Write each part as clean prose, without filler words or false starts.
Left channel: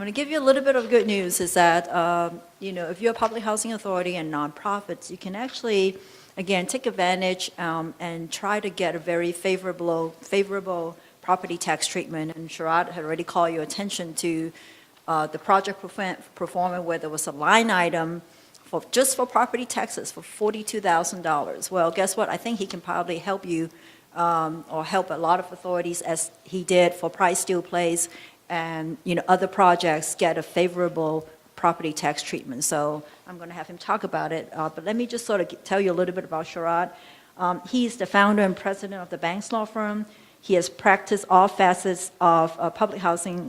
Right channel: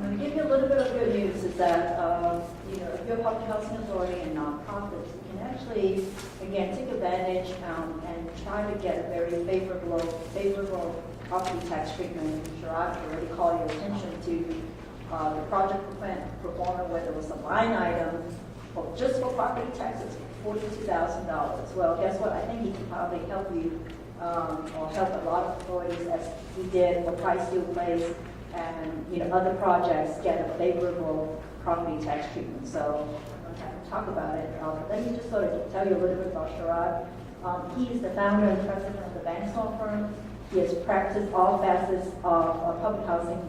going to give you a little bit of good news is that, if you're a public housing authority and nonprofits, you can actually, again, take advantage and try to get a very favorable property tax treatment. And Sherrod had already called your attention to the project performance where there was a line item just for property taxes for $42,000. Well, guess what? I think he can probably help you or help a lot of authorities as he did for Price Steel Place and other projects get a favorable property tax treatment. So I'm going to have him talk about it. But let me just sort of tell you a little bit about Sherrod. He's the founder and president of the Banks law firm. He has practiced all facets of public housing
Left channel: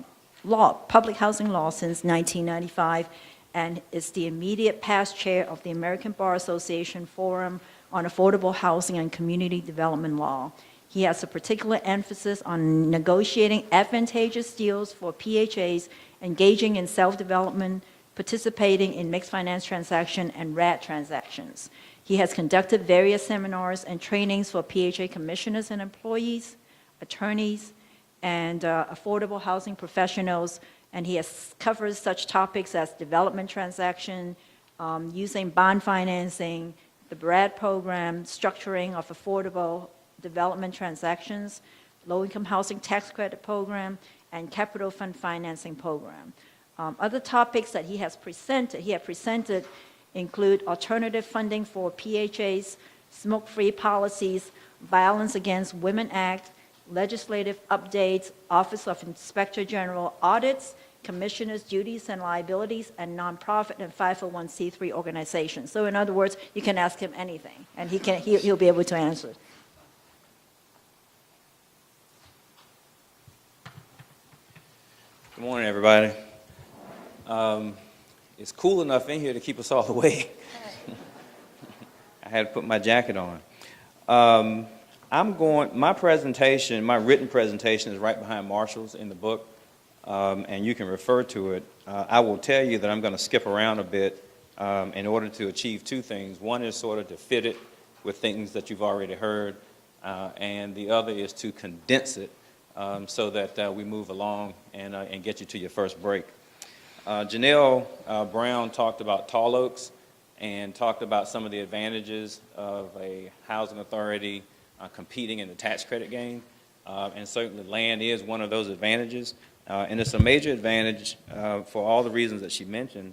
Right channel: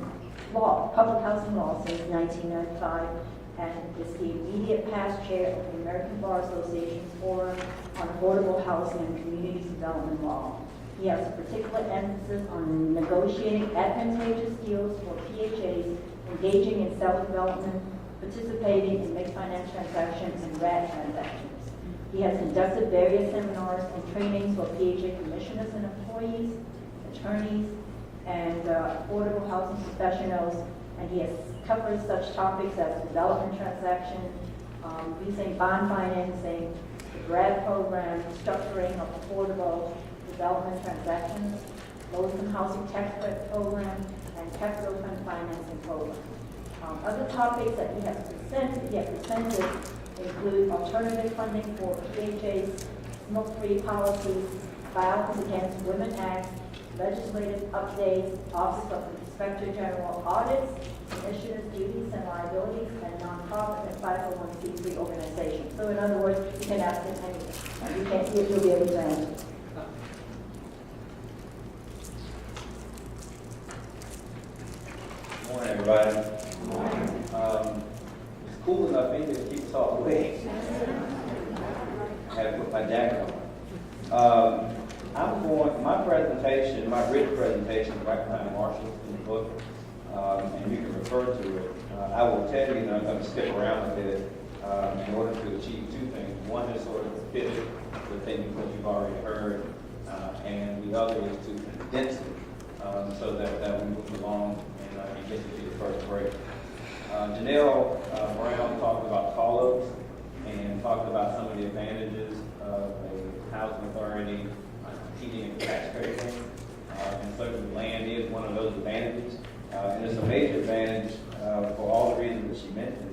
law since 1995, and is the immediate past chair of the American Bar Association Forum on Affordable Housing and Community Development Law. He has a particular emphasis on negotiating advantageous deals for PHAs, engaging in self-development, participating in mixed finance transaction and RAD transactions. He has conducted various seminars and trainings for PHA commissioners and employees, attorneys, and affordable housing professionals, and he has covered such topics as development transaction, using bond financing, the BRAD program, structuring of affordable development transactions, low-income housing tax credit program, and capital fund financing program. Other topics that he has presented include alternative funding for PHAs, smoke-free policies, Violence Against Women Act, legislative updates, Office of Inspector General audits, commissioners' duties and liabilities, and nonprofit and 501c3 organizations. So in other words, you can ask him anything, and he'll be able to answer. Good morning, everybody. It's cool enough in here to keep us all awake. I had to put my jacket on. My written presentation is right behind Marshall's in the book, and you can refer to it. I will tell you that I'm going to skip around a bit in order to achieve two things. One is sort of to fit it with things that you've already heard, and the other is to condense it so that we move along and get you to your first break. Janelle Brown talked about tall oaks and talked about some of the advantages of a housing authority competing in the tax credit game, and certainly land is one of those advantages, and it's a major advantage for all the reasons that she mentioned.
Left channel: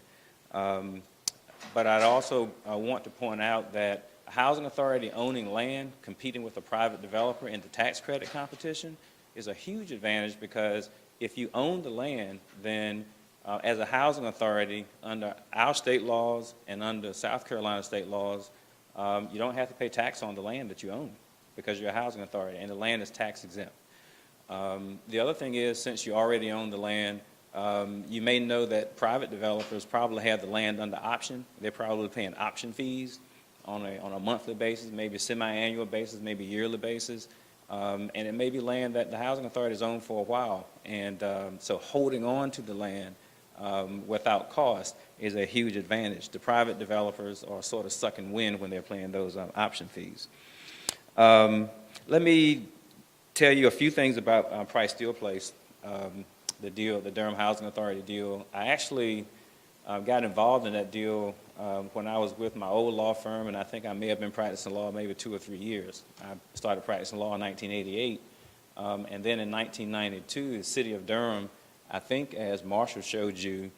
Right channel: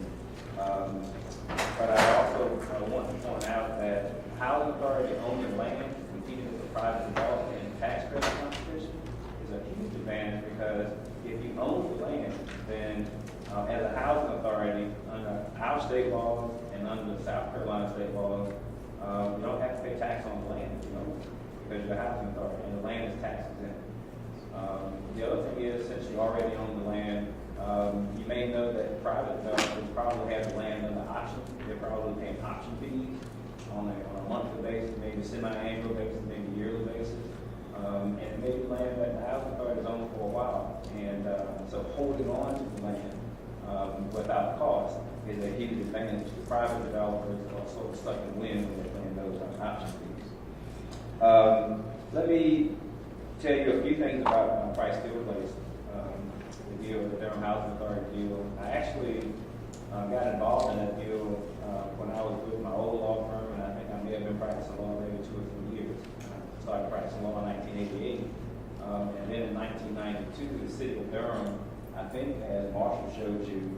But I also want to point out that a housing authority owning land, competing with a private developer in the tax credit competition is a huge advantage, because if you own the land, then as a housing authority, under our state laws and under South Carolina state laws, you don't have to pay tax on the land that you own, because you're a housing authority and the land is tax exempt. The other thing is, since you already own the land, you may know that private developers probably have the land under option. They're probably paying option fees on a monthly basis, maybe a semi-annual basis, maybe a yearly basis. And it may be land that the housing authority has owned for a while. And so holding on to the land without cost is a huge advantage. The private developers are sort of sucking wind when they're paying those option fees. Let me tell you a few things about Price Steel Place, the deal, the Durham Housing Authority deal. I actually got involved in that deal when I was with my old law firm, and I think I may have been practicing law maybe 2 or 3 years. I started practicing law in 1988, and then in 1992, the city of Durham, I think as Marshall showed you,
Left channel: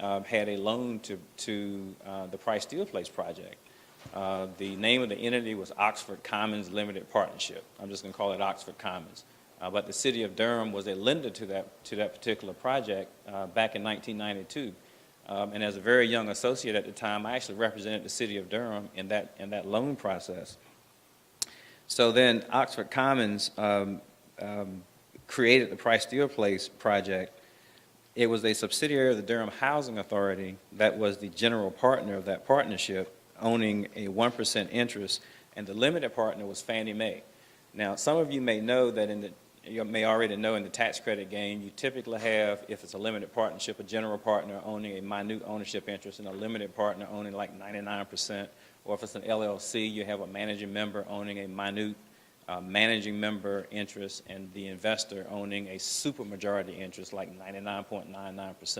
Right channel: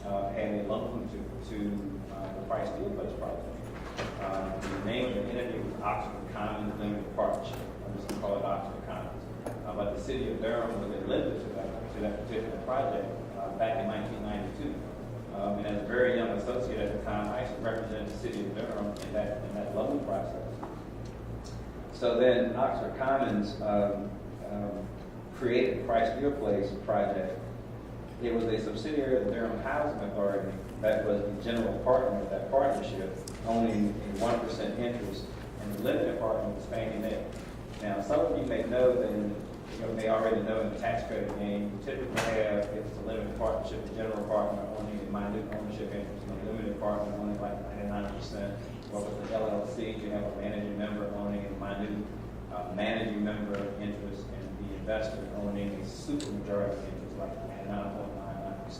had a loan to the Price Steel Place project. The name of the entity was Oxford Commons Limited Partnership. I'm just going to call it Oxford Commons. But the city of Durham was a lender to that particular project back in 1992. And as a very young associate at the time, I actually represented the city of Durham in that loan process. So then Oxford Commons created the Price Steel Place project. It was a subsidiary of the Durham Housing Authority that was the general partner of that partnership, owning a 1% interest, and the limited partner was Fannie Mae. Now, some of you may know that you may already know in the tax credit game, you typically have, if it's a limited partnership, a general partner owning a minute ownership interest, and a limited partner owning like 99%, or if it's an LLC, you have a managing member owning a minute managing member interest, and the investor owning a super majority interest, like 99.99%. 25%.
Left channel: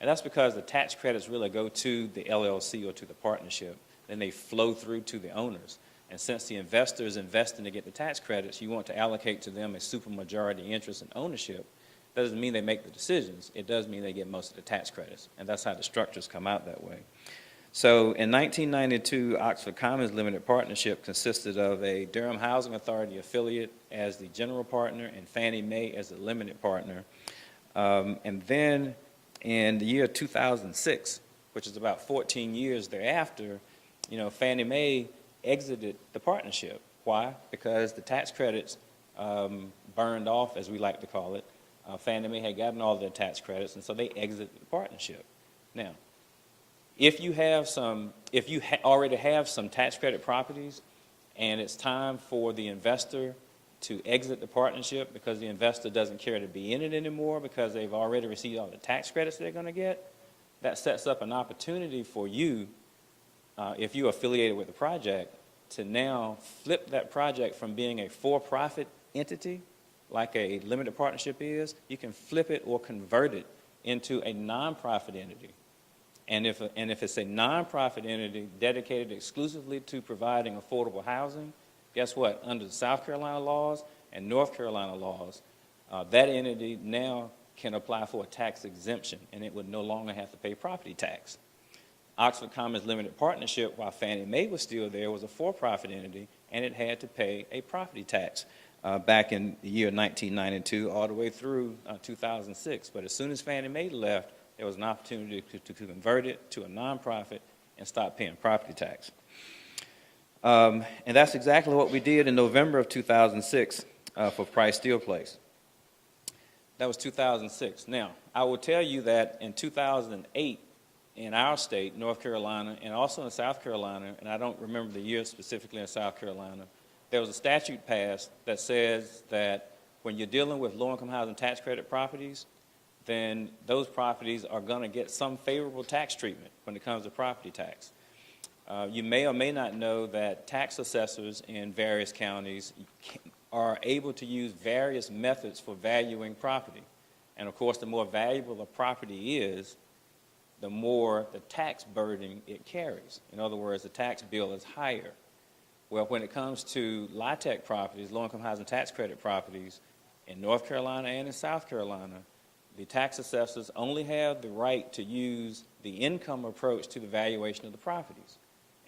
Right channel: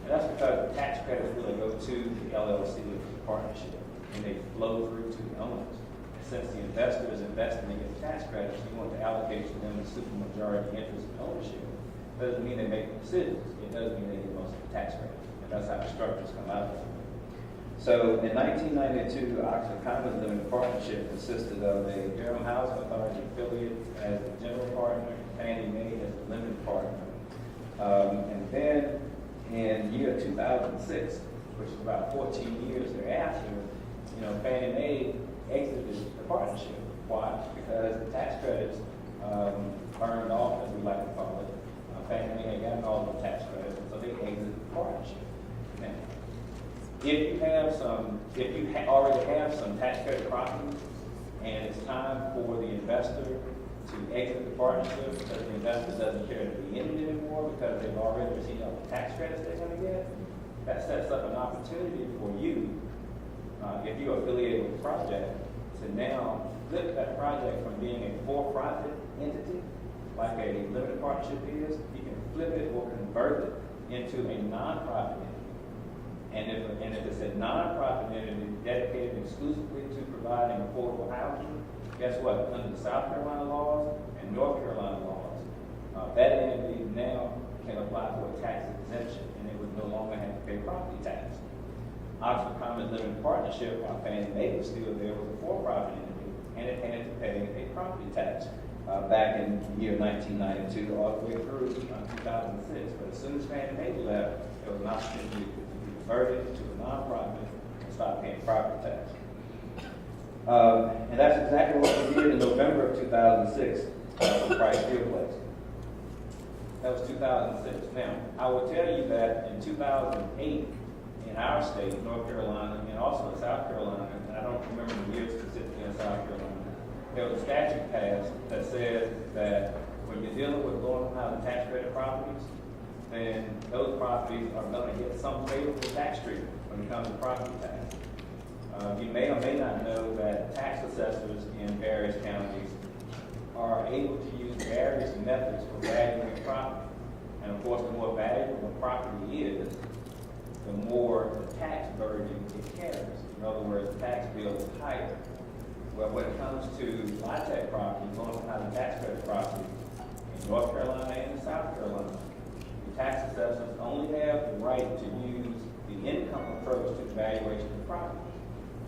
And that's because the tax credits really go to the LLC or to the partnership, and they flow through to the owners. And since the investor is investing to get the tax credits, you want to allocate to them a supermajority interest in ownership. Doesn't mean they make the decisions. It does mean they get most of the tax credits. And that's how the structures come out that way. So in 1992, Oxford Commons Limited Partnership consisted of a Durham Housing Authority affiliate as the general partner and Fannie Mae as the limited partner. And then in the year 2006, which is about 14 years thereafter, Fannie Mae exited the partnership. Why? Because the tax credits earned off, as we like to call it. Fannie Mae had gotten all their tax credits, and so they exited the partnership. Now, if you already have some tax credit properties, and it's time for the investor to exit the partnership because the investor doesn't care to be in it anymore because they've already received all the tax credits they're going to get, that sets up an opportunity for you, if you're affiliated with the project, to now flip that project from being a for-profit entity, like a limited partnership is. You can flip it or convert it into a nonprofit entity. And if it's a nonprofit entity dedicated exclusively to providing affordable housing, guess what? Under the South Carolina laws and North Carolina laws, that entity now can apply for a tax exemption, and it would no longer have to pay property tax. Oxford Commons Limited Partnership, while Fannie Mae was still there, was a for-profit entity, and it had to pay a property tax back in the year 1992 all the way through 2006. But as soon as Fannie Mae left, there was an opportunity to convert it to a nonprofit and stop paying property tax. And that's exactly what we did in November of 2006 for Price Steel Place. That was 2006. Now, I will tell you that in 2008, in our state, North Carolina, and also in South Carolina, and I don't remember the year specifically in South Carolina, there was a statute passed that says that when you're dealing with low-income housing tax credit properties, then those properties are going to get some favorable tax treatment when it comes to property tax. You may or may not know that tax assessors in various counties are able to use various methods for valuing property. And of course, the more valuable a property is, the more the tax burden it carries. In other words, the tax bill is higher. Well, when it comes to LIHTC properties, low-income housing tax credit properties, in North Carolina and in South Carolina, the tax assessors only have the right to use the income approach to the valuation of the properties.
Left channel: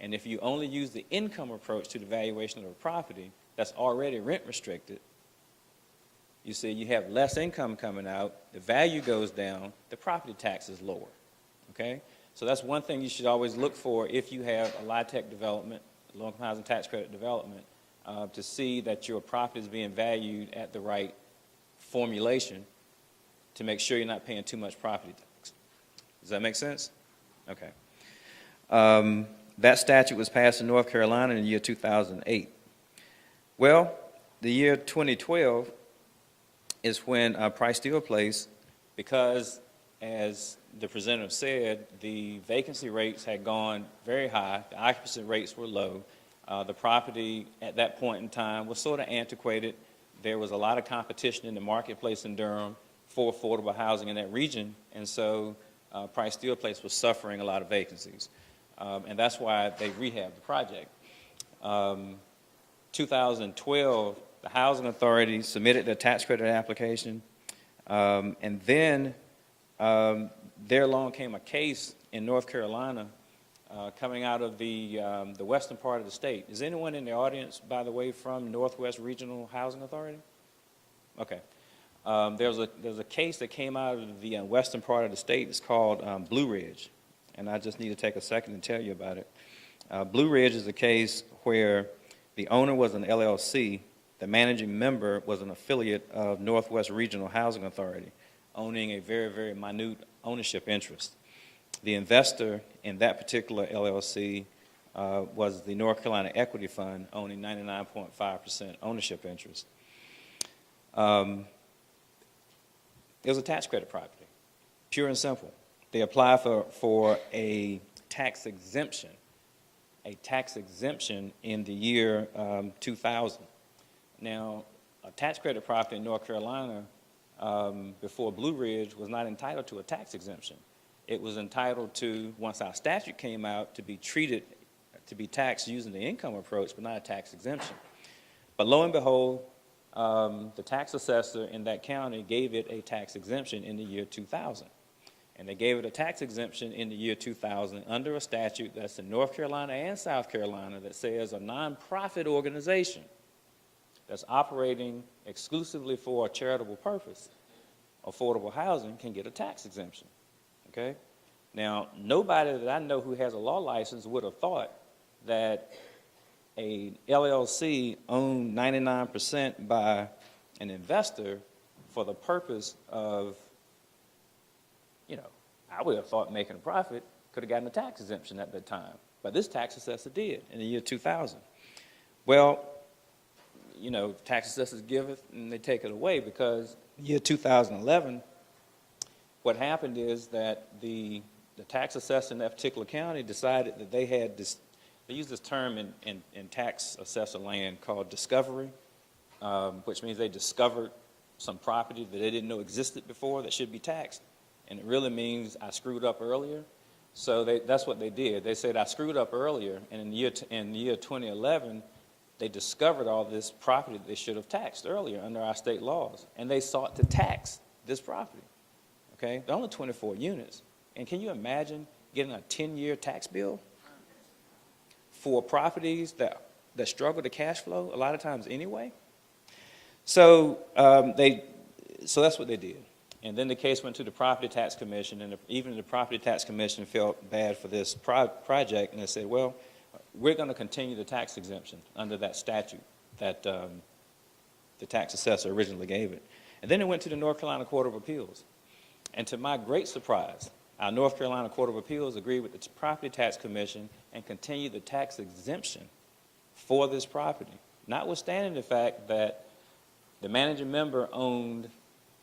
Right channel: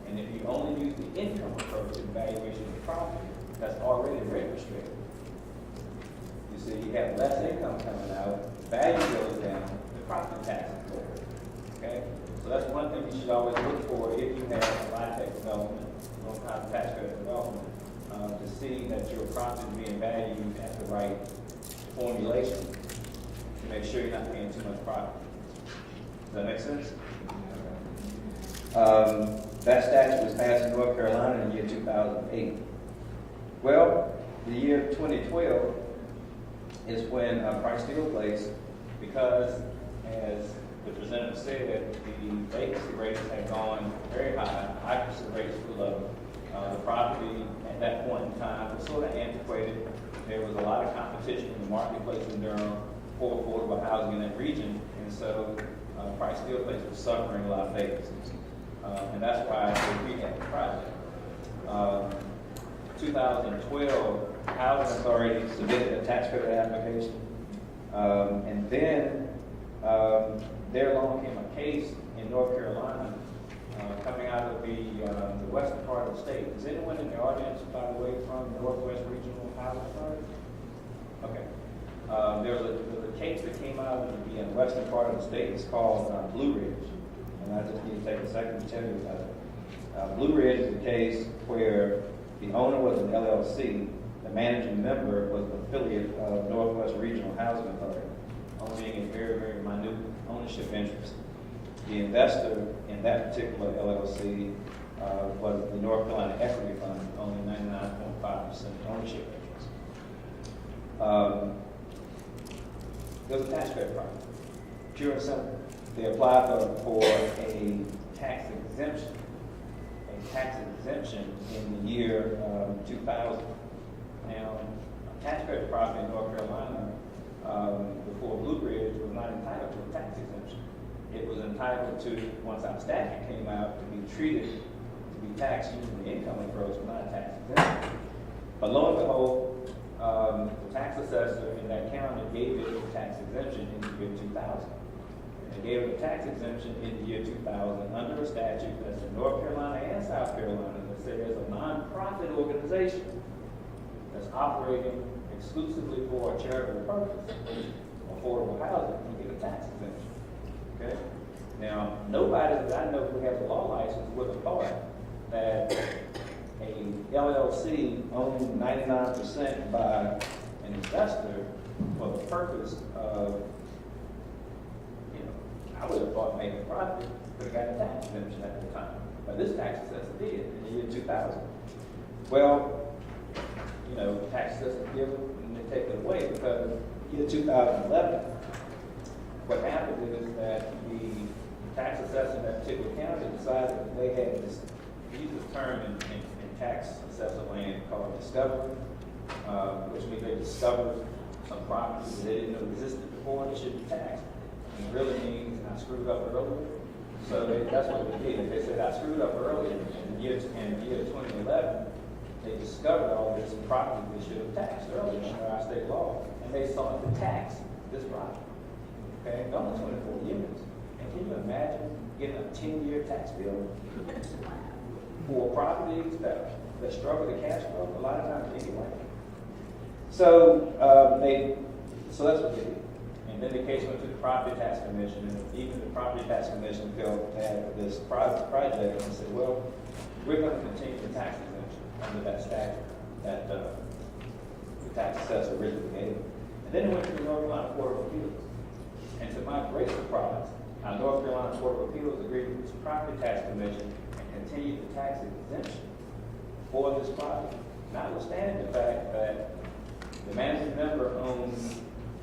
And if you only use the income approach to the valuation of the property that's already rent restricted, you see you have less income coming out, the value goes down, the property tax is lower. Okay? So that's one thing you should always look for if you have a LIHTC development, low-income housing tax credit development, to see that your property is being valued at the right formulation to make sure you're not paying too much property tax. Does that make sense? Okay. That statute was passed in North Carolina in the year 2008. Well, the year 2012 is when Price Steel Place, because as the presenter said, the vacancy rates had gone very high, the occupancy rates were low. The property at that point in time was sort of antiquated. There was a lot of competition in the marketplace in Durham for affordable housing in that region, and so Price Steel Place was suffering a lot of vacancies. And that's why they rehabbed the project. 2012, the Housing Authority submitted a tax credit application, and then there along came a case in North Carolina coming out of the western part of the state. Is anyone in the audience, by the way, from Northwest Regional Housing Authority? Okay. There's a case that came out of the western part of the state. It's called Blue Ridge. And I just need to take a second to tell you about it. Blue Ridge is a case where the owner was an LLC, the managing member was an affiliate of Northwest Regional Housing Authority, owning a very, very minute ownership interest. The investor in that particular LLC was the North Carolina Equity Fund, owning 99.5% ownership interest. It was a tax credit project, pure and simple. They applied for a tax exemption in the year 2000. Now, a tax credit property in North Carolina before Blue Ridge was not entitled to a tax exemption. It was entitled to, once our statute came out, to be treated, to be taxed using the income approach, but not a tax exemption. But lo and behold, the tax assessor in that county gave it a tax exemption in the year 2000. And they gave it a tax exemption in the year 2000 under a statute that's in North Carolina and South Carolina that says a nonprofit organization that's operating exclusively for a charitable purpose, affordable housing, can get a tax exemption. Okay? Now, nobody that I know who has a law license would have thought that a LLC owned 99% by an investor for the purpose of, you know, I would have thought making a profit could have gotten a tax exemption at that time. But this tax assessor did in the year 2000. Well, you know, tax assessors give it and they take it away because year 2011, what happened is that the tax assessor in that particular county decided that they had this, they use this term in tax assessor land called discovery, which means they discovered some properties that they didn't know existed before that should be taxed. And it really means I screwed up earlier. So that's what they did. They said I screwed up earlier. In the year 2011, they discovered all this property they should have taxed earlier under our state laws. And they sought to tax this property. Okay? There are only 24 units. And can you imagine getting a 10-year tax bill for properties that struggle to cash flow a lot of times anyway? So so that's what they did. And then the case went to the Property Tax Commission, and even the Property Tax Commission felt bad for this project, and they said, well, we're going to continue the tax exemption under that statute that the tax assessor originally gave it. And then it went to the North Carolina Court of Appeals. And to my great surprise, our North Carolina Court of Appeals agreed with the Property Tax Commission and continued the tax exemption for this property, notwithstanding the fact that the managing member owned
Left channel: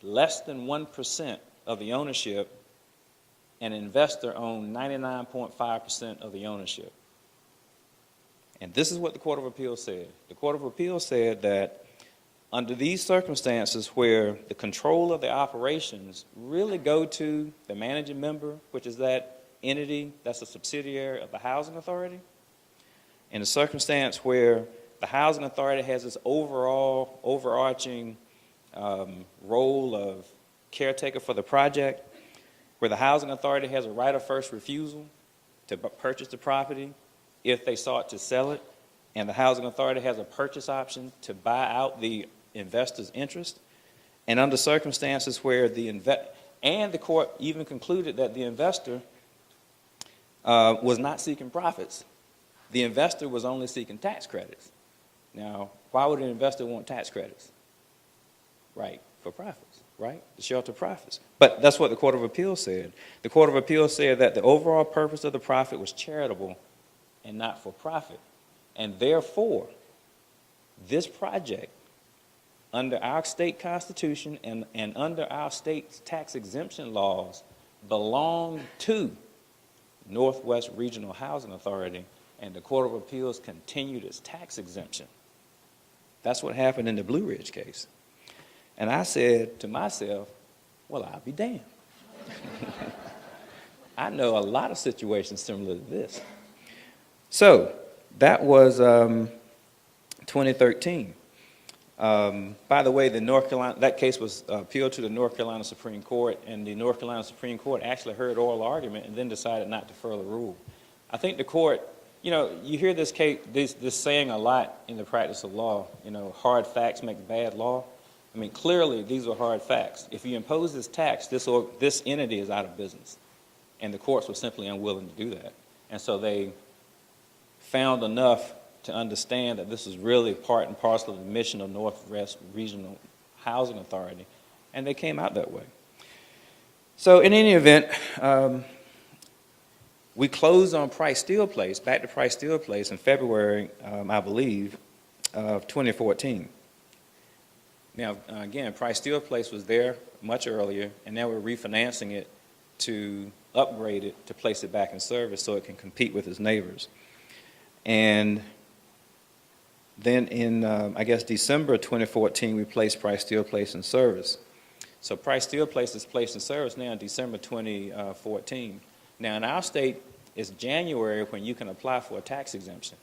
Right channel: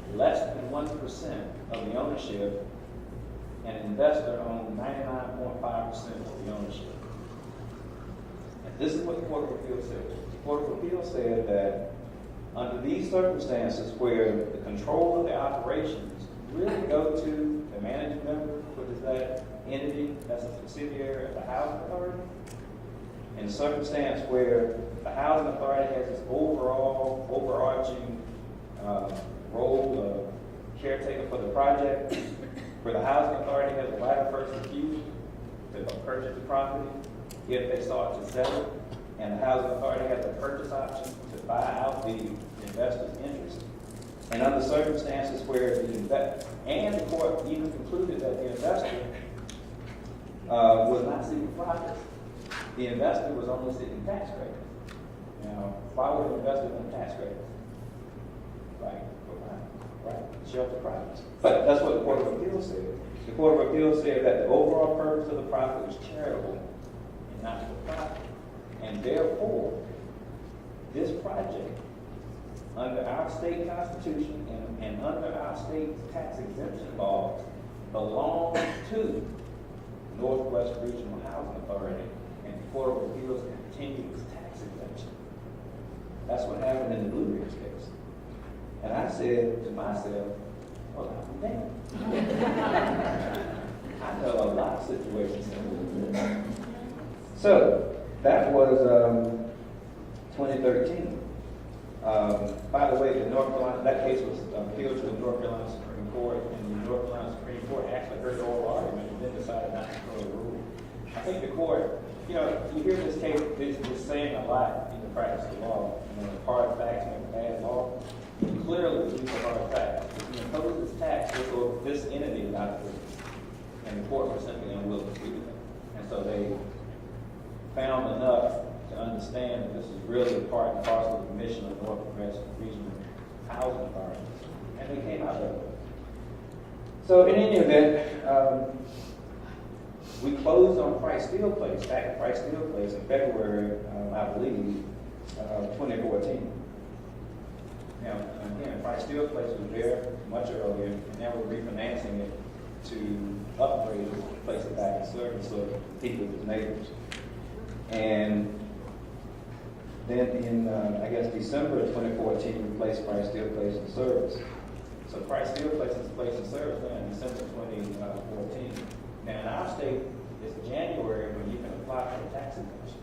less than 1% of the ownership and an investor owned 99.5% of the ownership. And this is what the Court of Appeals said. The Court of Appeals said that under these circumstances where the control of the operations really go to the managing member, which is that entity that's a subsidiary of the housing authority, in a circumstance where the housing authority has its overall overarching role of caretaker for the project, where the housing authority has a right of first refusal to purchase the property if they sought to sell it, and the housing authority has a purchase option to buy out the investor's interest, and under circumstances where the court even concluded that the investor was not seeking profits. The investor was only seeking tax credits. Now, why would an investor want tax credits? Right, for profits, right? Shelter profits. But that's what the Court of Appeals said. The Court of Appeals said that the overall purpose of the profit was charitable and not for profit. And therefore, this project, under our state constitution and under our state's tax exemption laws, belonged to Northwest Regional Housing Authority, and the Court of Appeals continued its tax exemption. That's what happened in the Blue Ridge case. And I said to myself, well, I'll be damned. I know a lot of situations similar to this. So that was 2013. By the way, that case was appealed to the North Carolina Supreme Court, and the North Carolina Supreme Court actually heard oral argument and then decided not to further rule. I think the court, you know, you hear this saying a lot in the practice of law, you know, hard facts make bad law. I mean, clearly these are hard facts. If you impose this tax, this entity is out of business, and the courts were simply unwilling to do that. And so they found enough to understand that this is really part and parcel of the mission of the Northwest Regional Housing Authority, and they came out that way. So in any event, we closed on Price Steel Place, back to Price Steel Place in February, I believe, of 2014. Now, again, Price Steel Place was there much earlier, and now we're refinancing it to upgrade it, to place it back in service so it can compete with its neighbors. And then in, I guess, December 2014, we placed Price Steel Place in service. So Price Steel placed its place of service now in December 2014. Now in our state, it's January when you can apply for a tax exemption,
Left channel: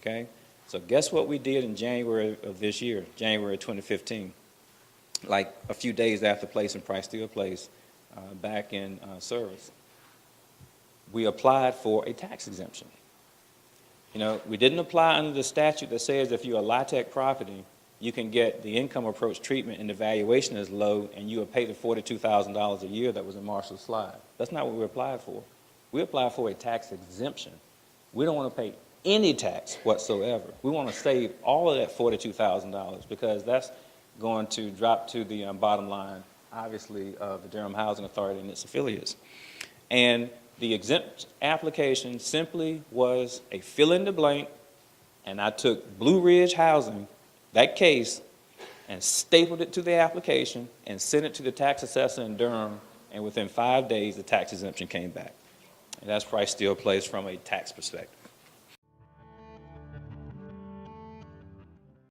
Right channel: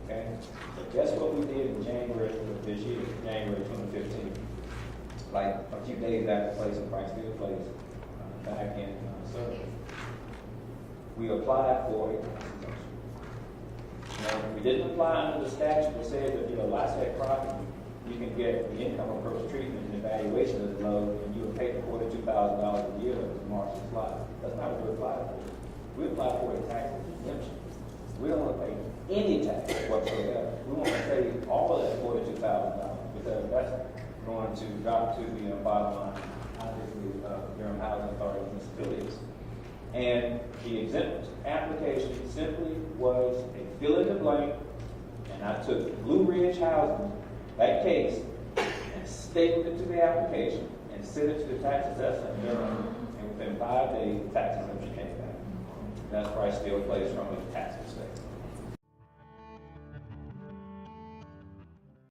okay? So guess what we did in January of this year, January 2015? Like a few days after placing Price Steel place back in service. We applied for a tax exemption. You know, we didn't apply under the statute that says if you're a LIHTC property, you can get the income approach treatment and the valuation is low and you will pay the $42,000 a year that was a Marshall slide. That's not what we applied for. We applied for a tax exemption. We don't want to pay any tax whatsoever. We want to save all of that $42,000 because that's going to drop to the bottom line, obviously, of Durham Housing Authority and its affiliates. And the exempt application simply was a fill in the blank, and I took Blue Ridge Housing, that case, and stapled it to the application and sent it to the tax assessor in Durham, and within 5 days, the tax exemption came back. And that's Price Steel Place from a tax perspective.